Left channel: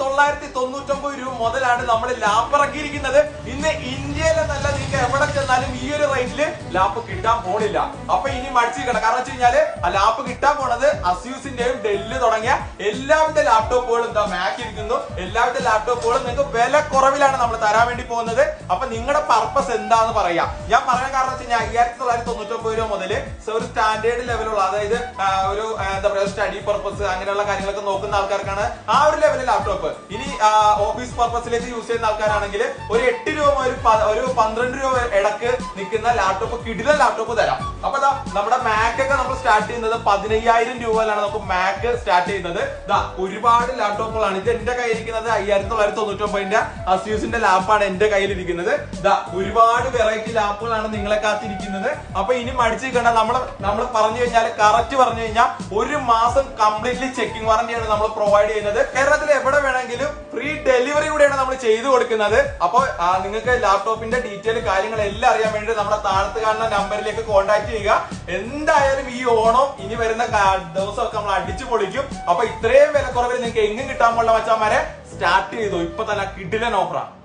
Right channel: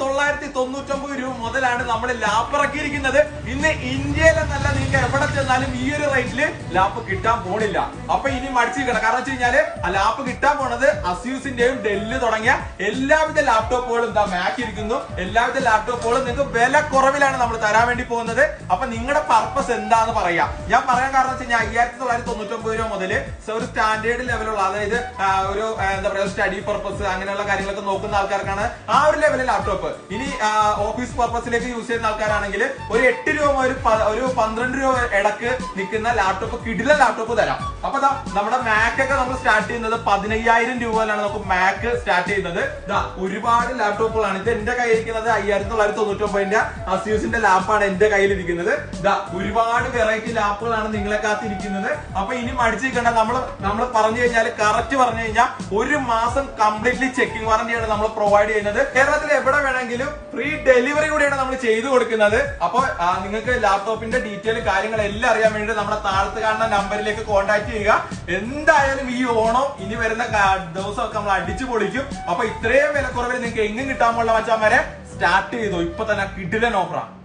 തൊള്ളായിരത്തി തൊണ്ണൂറ്റൊമ്പത് രൂപ മുതലാണ് നമ്മൾ ലാപ്പിറക്കിയിരിക്കുന്നത് ഇന്ന് ഇന്ത്യയിലെ നല്ല നിങ്ങൾ എവിടെ ചെന്നാലും ഈ ഒരു റേറ്റിൽ ലാപ്പ് കിട്ടാൻ പോണില്ല. അപ്പൊ ഇനി മടിച്ചിരിക്കണം കാരണം വെച്ച് കഴിഞ്ഞാൽ ലാപ്പ് കിട്ടാൻ പോണത് അസ്യൂസിന്റെയും ഡെല്ല് തുടങ്ങിയ എല്ലാവിധ ലാപ്ടോപ്പുകളും എന്താ മാക്ക് ഇരിക്കുന്നു. എല്ലാവിധ ലാപ്ടോപ്പുകളും നിങ്ങൾക്ക് വില കുറവിലാണ് നമ്മൾ തരാൻ വേണ്ടി പോകുന്നത്. അപ്പൊ നിങ്ങളുടെ പർപ്പസ് എന്താന്ന് പറയാ. ഞാൻ പറയാൻ കാരണം വെച്ച് കഴിഞ്ഞാൽ അയ്യായിരത്തി തൊള്ളായിരത്തി തൊണ്ണൂറ്റൊമ്പത് രൂപ മുതൽ ഒരു സ്റ്റാൻഡേർഡ് ലെവലുള്ള അതായത് ഒരു എന്താ പറയുക സ്റ്റഡി പർപ്പസ് അങ്ങനെയുള്ള കാര്യങ്ങളൊക്കെ നോക്കുന്ന ആൾക്കാർക്കാണ് ആ ഒരു ലെവലിൽ ലാപ്ടോപ്പ് ഇനി ഓഫീസ് പർപ്പസിലേക്ക് യൂസ് ചെയ്യുന്ന ആൾക്കാരാണെങ്കിൽ ഒരു എട്ട് രൂപ മുതൽ ഒരു പന്ത്രണ്ട് രൂപ ഇടയ്ക്ക് നിൽക്കുന്ന ലാപ്ടോപ്പ് കിടില ലാപ്ടോപ്പ് തരാം. അപ്പൊ നമ്മുടെ മാക് ഒക്കെ നമ്മൾ സ്റ്റാർട്ട് ചെയ്യുന്നത് പതിനയ്യായിരം രൂപ മുതലാണ് നമുക്ക് മാക് സ്റ്റാർട്ട് ചെയ്യുന്നത്. ഒരുപാട് ലാപ്ടോപ്പുകളാണ് ഇത് എന്റെ കയ്യിരിക്കുന്നത് അയ്യായിരത്തി തൊള്ളായിരത്തി തൊണ്ണൂറ്റി ഒമ്പതിന്റെ അസ്യൂസിന്റെ ലാപ്പാണ് എന്റെ കയ്യിലിരിക്കുന്നത്. ദാ ഒരുപാട് വെറൈറ്റി ലാപ്പുകളാണ് നിങ്ങളെ കാത്തിരിക്കുന്നത് അപ്പൊ ഇനി മടിച്ചിരിക്കേണ്ട നമ്മൾ നമ്മൾ പറഞ്ഞു കഴിഞ്ഞാൽ കറക്റ്റ് പറഞ്ഞു കഴിഞ്ഞാൽ ഒരു മാസം കംപ്ലീറ്റ്ലി ചെക്കിംഗ് വാറന്റിയാണ് നമ്മൾ പ്രൊവൈഡ് ചെയ്യുന്നത്. കേരളത്തിൽ എവിടെ വേണമെങ്കിലും ഫ്രീ ഡെലിവറി കൂടെയാണ് നമ്മൾ ചെയ്തു കൊടുക്കുന്നത്. അപ്പോൾ നിങ്ങൾക്ക് ലാപ്ടോപ്പിന്റെ ഡീറ്റെയിൽ കാര്യങ്ങളെല്ലാം അറിയാൻ വേണ്ടി നമ്മുടെ താഴത്ത് കാണുന്ന നമ്പറിലേക്ക് കോൺടാക്ട് ചെയ്യുക. എന്തായാലും ഈ ഓണം ഇനി വരുന്ന ദിവസമൊക്കെ നമ്മൾ അടിച്ചു പൊളിക്കും. അപ്പൊ ഇത്രയും കുറവിൽ നിങ്ങൾക്ക് എങ്ങും കിട്ടാൻ പോലുള്ള മച്ചാമാരെ സ്റ്റാർട്ട് ചെയ്തു. ഇപ്പൊ തന്നെ കിടിലൻ ഓഫറാണ്